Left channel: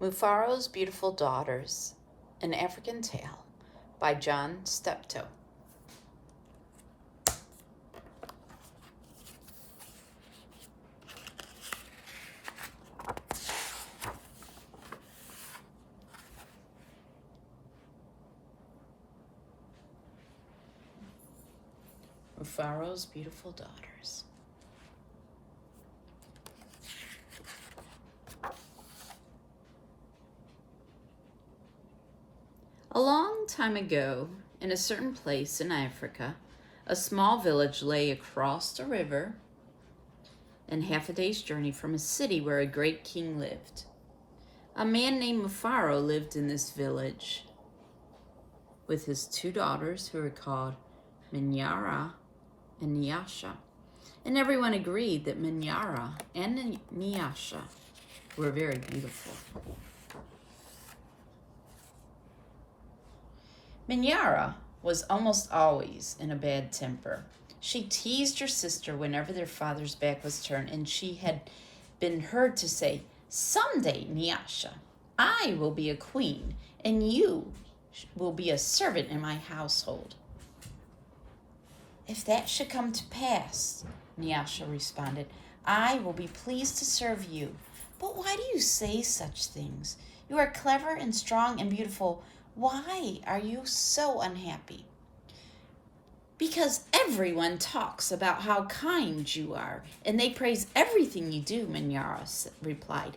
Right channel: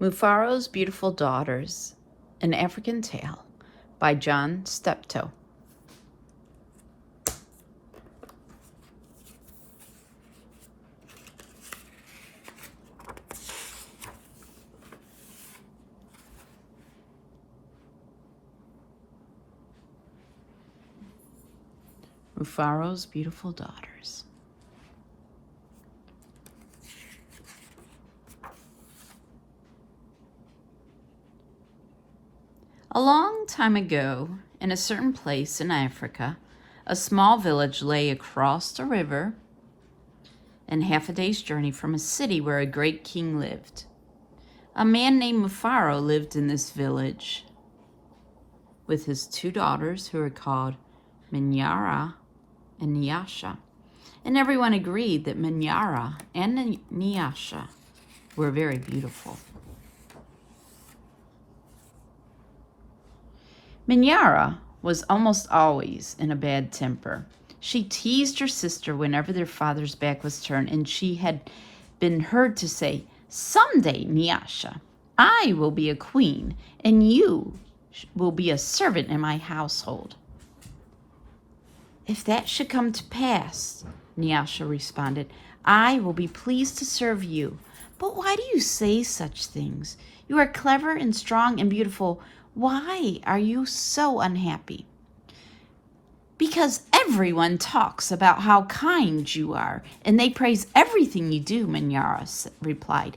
Mufaro's Beautiful Daughters, An African Tale by John Steptoe. Mufaro's Beautiful Daughters. A long time ago, in a certain place in Africa, a small village lay across a river and half a day's journey from a city where a great king lived. A man named Mufaro lived in this village with his two daughters who were called Minyara and Nyasha. And everyone agreed that Minyara and Nyasha were very beautiful. Minyara was almost always in a bad temper. She teased her sister whenever their father's back was turned, and she had been heard to say, "Someday, Nyasha, I will be a queen, and you will be a servant in my household." "If that should come to pass," Nyasha responded, "I will be pleased to serve you. But why do you say such things? You are clever and strong and beautiful. Why are you so unhappy?" "Because everyone talks about how kind you are, and they praise everything you do," Minyara replied.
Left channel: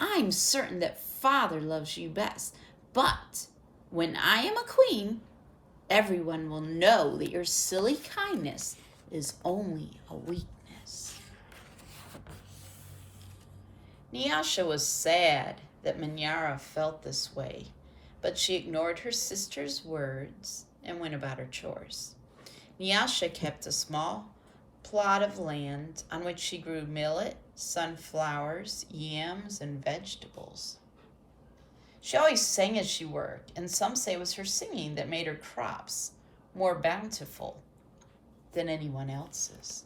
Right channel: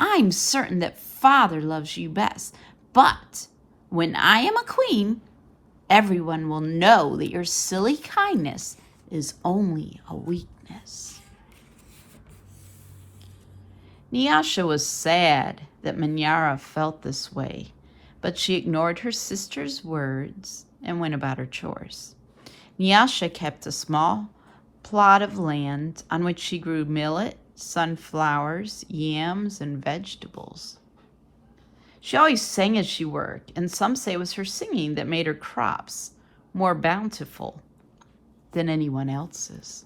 "I'm certain that Father loves you best, but when I am a queen, everyone will know that your silly kindness is only a weakness." Nyasha was sad that Minyara felt this way, but she ignored her sister's words and went about her chores. Nyasha kept a small plot of land on which she grew millet, sunflowers, yams, and vegetables. She always sang as she worked, and some say it was her singing that made her crops more bountiful than anyone else's.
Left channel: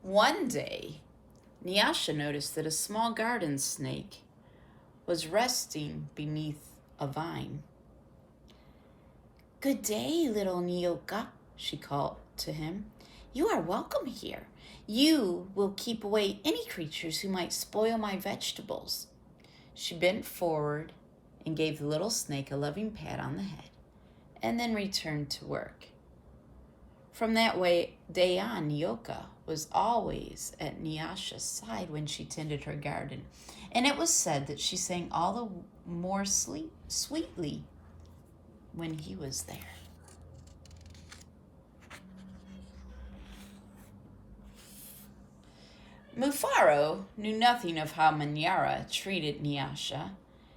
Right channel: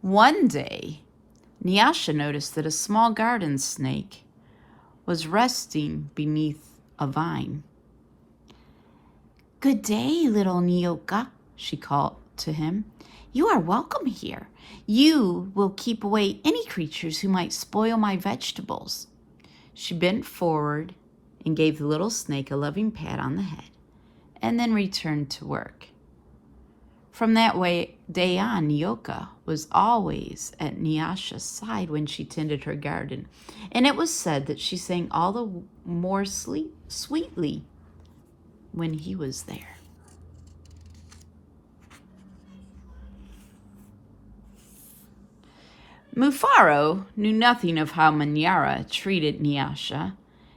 One day, Nyasha noticed that a small garden snake was resting beneath a vine. "Good day, little Nyoka," she called to him. "You are welcome here. You will keep away any creatures who might spoil my vegetables." She bent forward and gave the little snake a loving pat on the head, and then returned to work. From that day on, Nyoka was always at Nyasha's side when she tended her garden, and it was said that she sang all the more sweetly when he was there. Mufaro knew nothing of how Minyara treated Nyasha.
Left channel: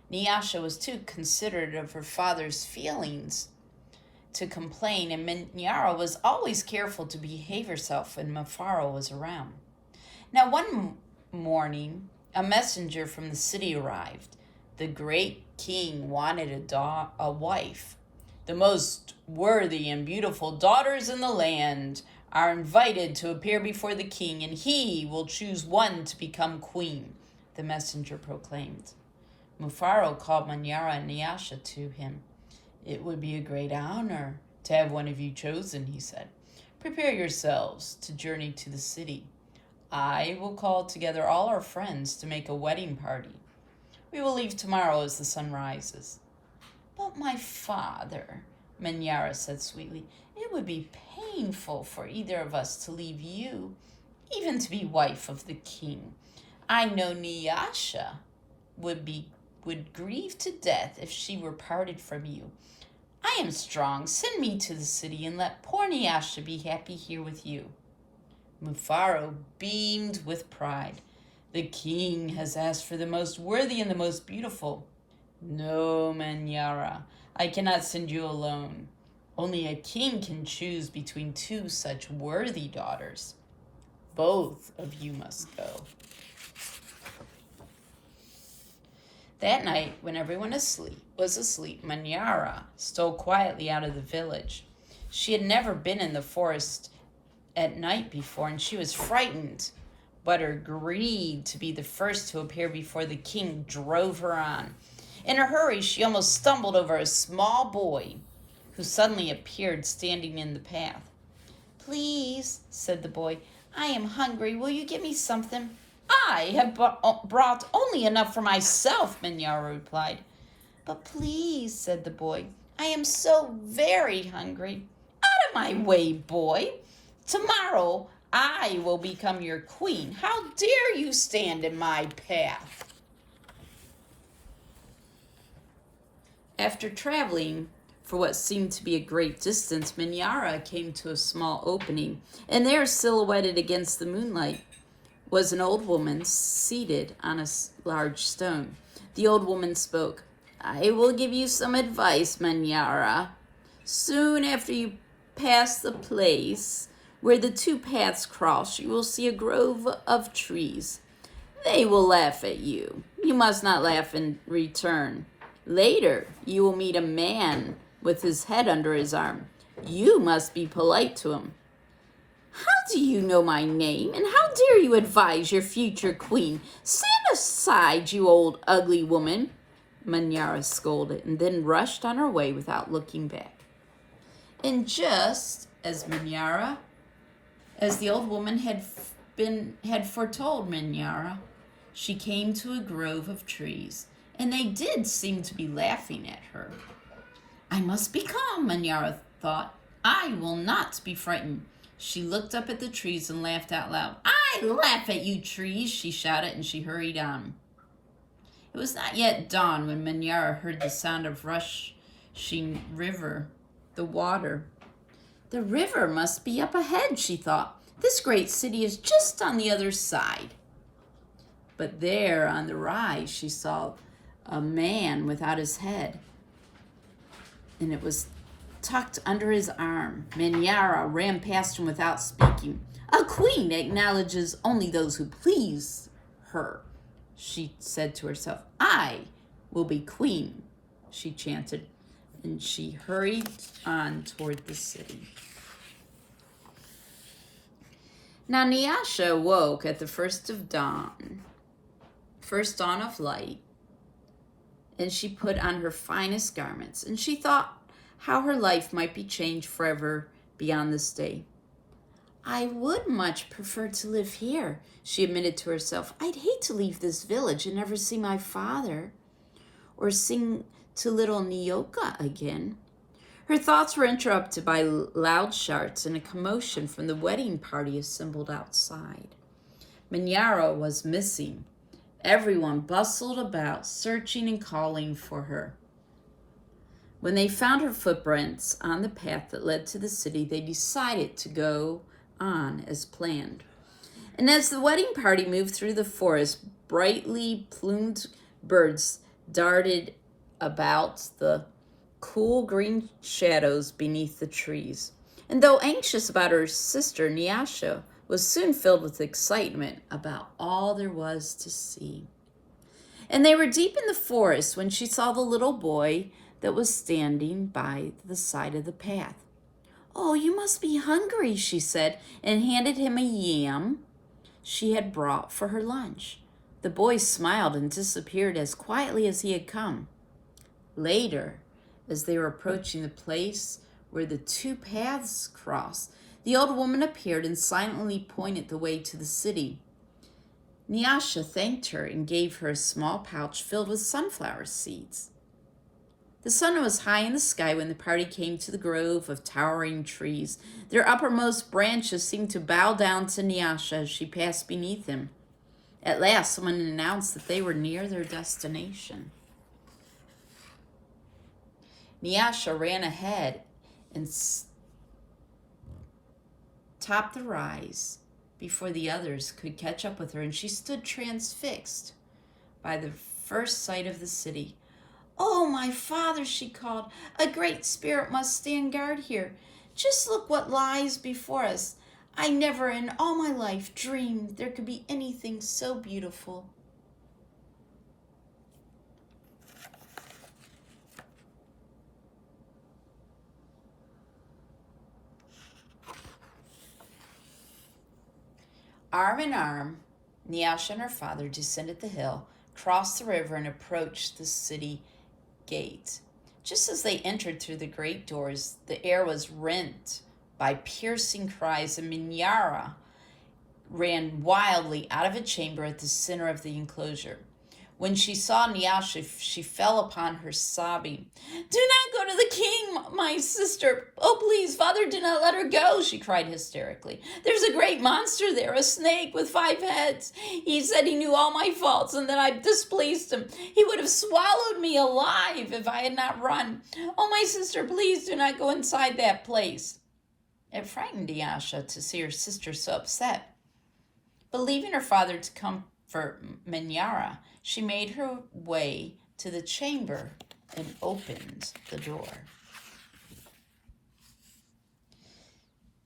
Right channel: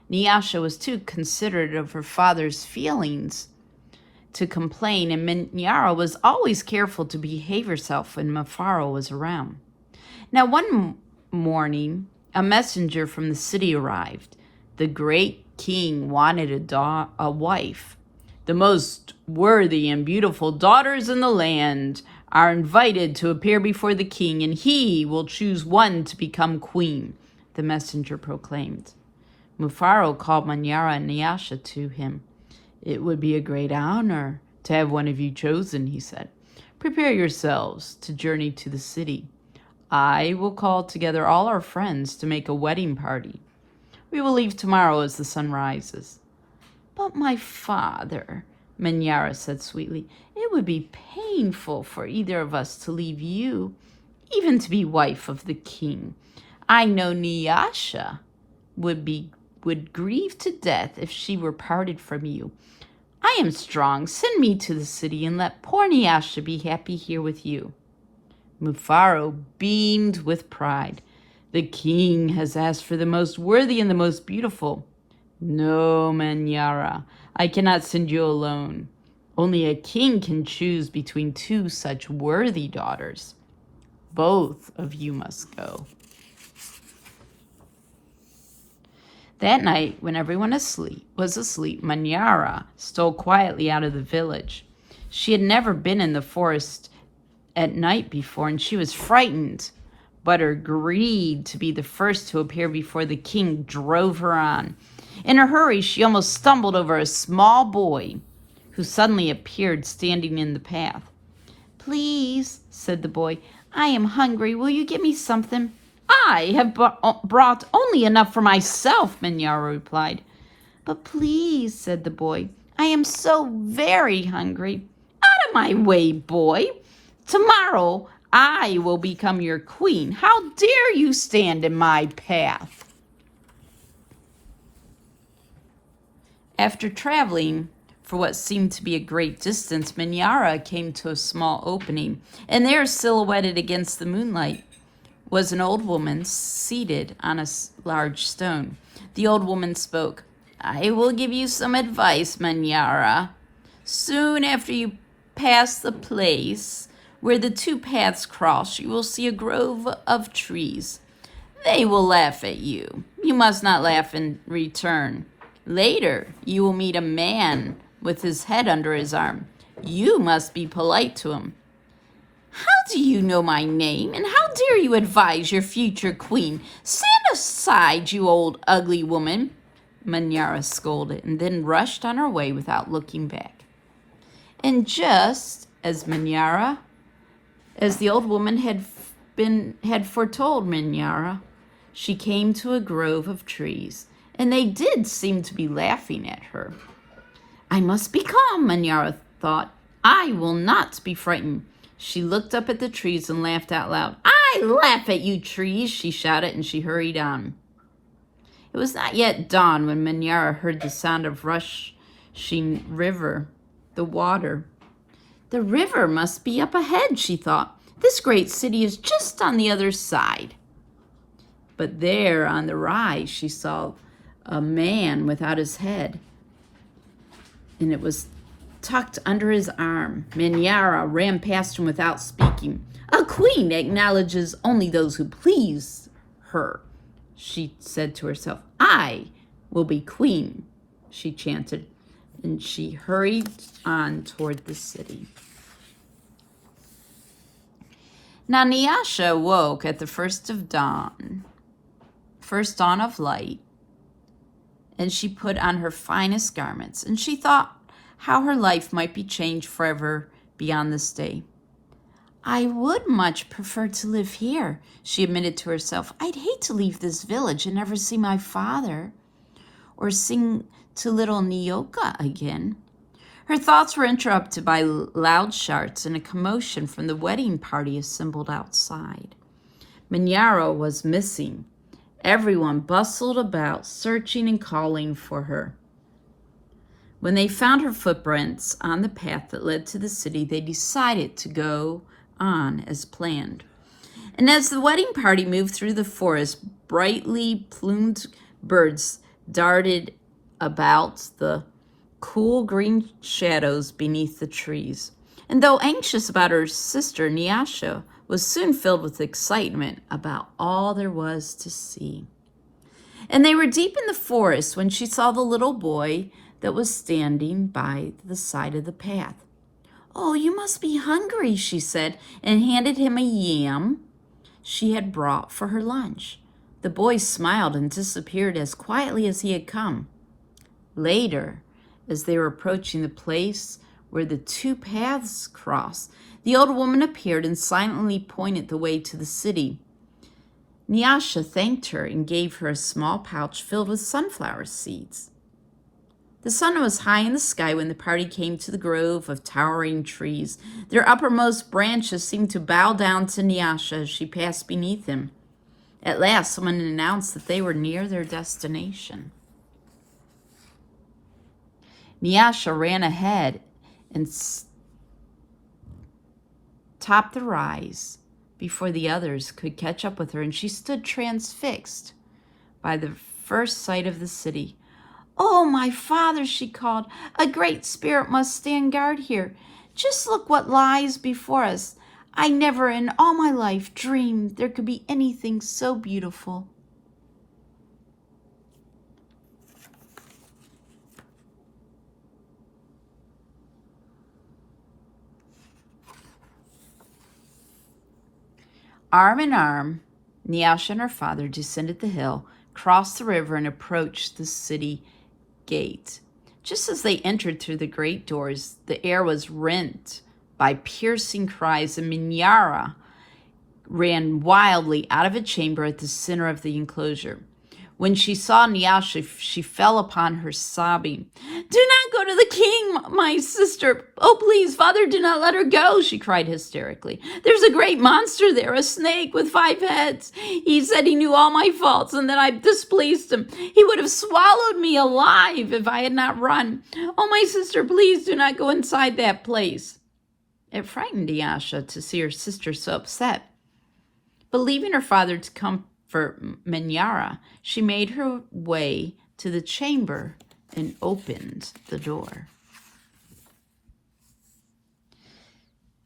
Nyasha was too considerate of her father's feelings to complain, and Minyara was always careful to behave herself when Mufaro was around. Now one morning, a messenger from the city arrived. The great king wanted a wife. "The most worthy and beautiful daughters in the land are invited to appear before the king, and he will choose one to become queen," the messenger proclaimed. Mufaro called Minyara and Nyasha to him. "It would be a great honor to have one of you chosen," he said. "Prepare yourselves to journey to the city. I will call together all our friends to make a wedding party. We will leave tomorrow as the sun rises." "But my father," Minyara said sweetly, "it would be painful for either of us to leave you, even to be wife of the king. I know Nyasha would grieve to death if she were parted from you. I am strong. Send me to the city and let poor Nyasha be happy here with you." Mufaro beamed with pride. "The king has asked for the most worthy and the most beautiful." "No, Minyara, I cannot send you alone. Only a king can choose between two such worthy daughters. Both of you must go." That night, when everyone was asleep, Minyara stole quietly out of the village. She had never been in the forest at night before, and she was frightened but her greed to be the first to appear before the king drove her on. In a hurry, she almost stumbled over a small boy who suddenly appeared standing in the path. "Please," said the boy, "I am hungry. Will you give me something?" "I have brought only enough for myself," Minyara replied. "But please," said the boy, "I am so very hungry." "Out of my way, boy. Tomorrow I will become your queen. How dare you stand in my path?" After traveling for what seemed to be a great distance, Minyara came to a small opening, and there, silhouetted against the moonlight, was an old woman seated on a large stone. The old woman spoke. "I will give you some advice, Minyara. Soon after you pass the place where the two paths cross, you will see a grove of trees. They will laugh at you. You must not laugh in return. Later, you will meet a man with his head under his arm. You must be polite to him. How do you know my name, and how dare you advise your future queen? Stand aside, you old ugly woman," Minyara scolded, and then rushed on her way without looking back. And just as the old woman had foretold Minyara, she came to a grove of trees, and they did seem to be laughing at her. "I must be calm," Minyara thought. "I will not be frightened." She looked up at the trees and laughed out loud. "I laugh at you, trees," she shouted, and she hurried on. It was not yet dawn when Minyara heard the sound of rushing river, the water. "The river must be up ahead," she thought. "This great city is just on the other side." But there on the rise she saw a man without his head, and it was tucked under his arm. Minyara ran past him without speaking. "A queen acknowledges only those who please her," she said to herself. "I will be queen," she chanted, and she hurried on toward the city. Now Nyasha woke at the first dawn of light, and she put on her finest garments, and she thought how her life might be changed forever beyond this day. "I would much prefer to live here," she admitted to herself. "I'd hate to leave this village and never see my father or sing to little Nyoka again." Her thoughts were interrupted by loud shouts and a commotion from the wedding party assembled outside. Minyara was missing. Everyone bustled about, searching and calling for her. When they found her footprints on the path that led to the city, they decided to go on as planned. And as the wedding party moved through the forest, brightly plumed birds darted about the cool green shadows beneath the trees. And though anxious about her sister, Nyasha was soon filled with excitement about all there was to see. And they were deep in the forest when she saw the little boy that was standing by the side of the path. "Oh, you must be hungry," she said, and handed him a yam she had brought for her lunch. The boy smiled and disappeared as quietly as he had come. Later, as they were approaching the place where the two paths crossed, the old woman appeared and silently pointed the way to the city. Nyasha thanked her and gave her a small pouch filled with sunflower seeds. The sun was high in the sky when the party came to the grove of towering trees. Their uppermost branches seemed to bow down to Nyasha as she passed beneath them. At last, someone announced that they were near their destination. Nyasha ran ahead and topped the rise before the others could catch up with her, and she stood transfixed by the first sight of the city. "Oh, my father," she called, "a great spirit must stand guard here. Just look what lies before us. I never in all my life dreamed there could be anything so beautiful." Arm in arm, Nyasha and her father descended the hill, crossed the river, and approached the city gate. Just as they entered through the great doors, the air was rent by piercing cries, and Minyara ran wildly out of a chamber at the center of the enclosure. When she saw Nyasha, she fell upon her, sobbing. "Do not go to the king, my sister. Oh, please, father, do not let her go," she cried hysterically. "There's a great monster there, a snake with 5 heads. He said he knew all my faults and that I displeased him. He would have swallowed me alive if I had not run. Oh, my sister, please do not go inside that place." It frightened Nyasha to see her sister so upset. But leaving her father to comfort Minyara, she made her way to the chamber and opened the door.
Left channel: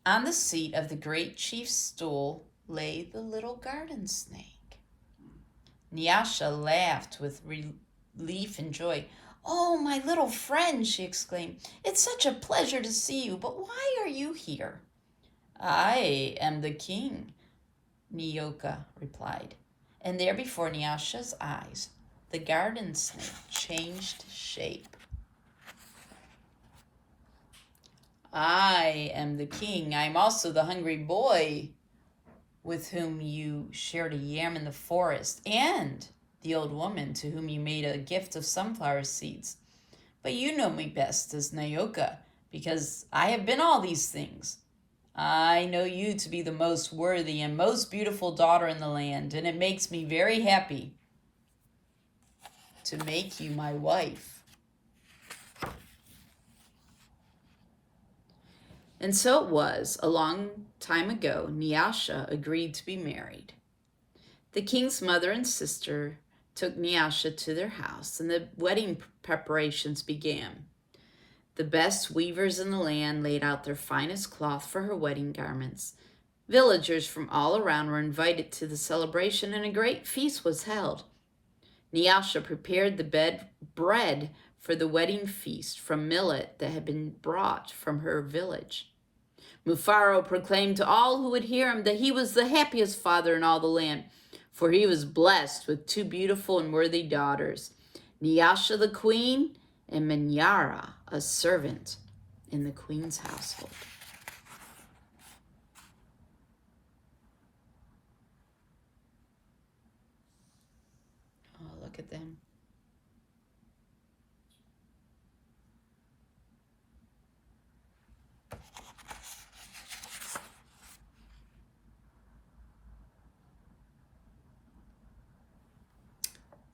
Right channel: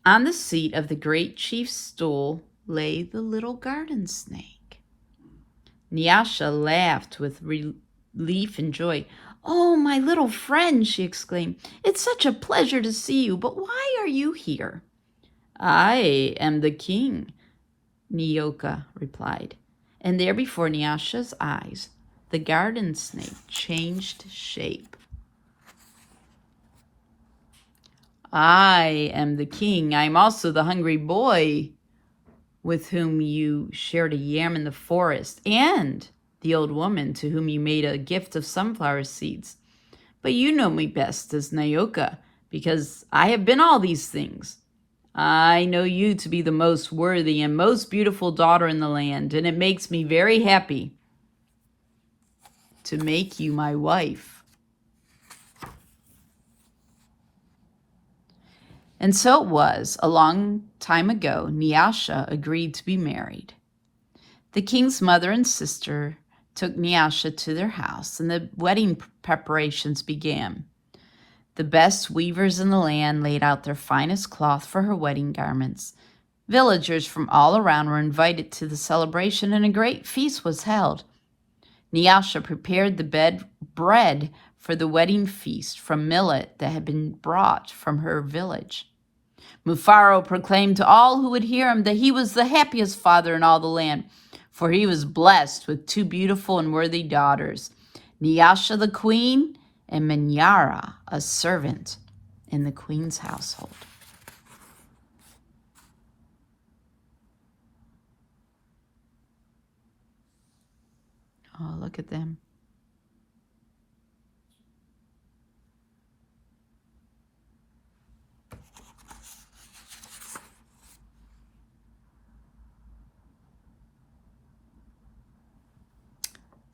On the seat of the great chief's stool lay the little garden snake. Nyasha laughed with relief and joy. "Oh, my little friend," she exclaimed, "it's such a pleasure to see you, but why are you here?" "I am the king," Nyoka replied. And there before Nyasha's eyes, the garden snake changed shape. "I am the king. I am also the hungry boy with whom you shared a yam in the forest, and the old woman to whom you made a gift of sunflower seeds. But you know me best as Nyoka, because I have been all these things. I know you to be the most worthy and most beautiful daughter in the land, and it makes me very happy to make you my wife." And so it was, a long time ago, Nyasha agreed to be married. The king's mother and sister took Nyasha to their house, and the wedding preparations began. The best weavers in the land laid out their finest cloth for her wedding garments. Villagers from all around were invited to the celebration, and a great feast was held. Nyasha prepared the bread for the wedding feast from millet that had been brought from her village. Mufaro proclaimed to all who would hear him that he was the happiest father in all the land, for he was blessed with 2 beautiful and worthy daughters, Nyasha the queen and Minyara, a servant in the queen's household. Oh, look at them.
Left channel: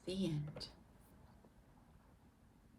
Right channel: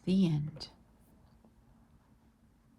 The end.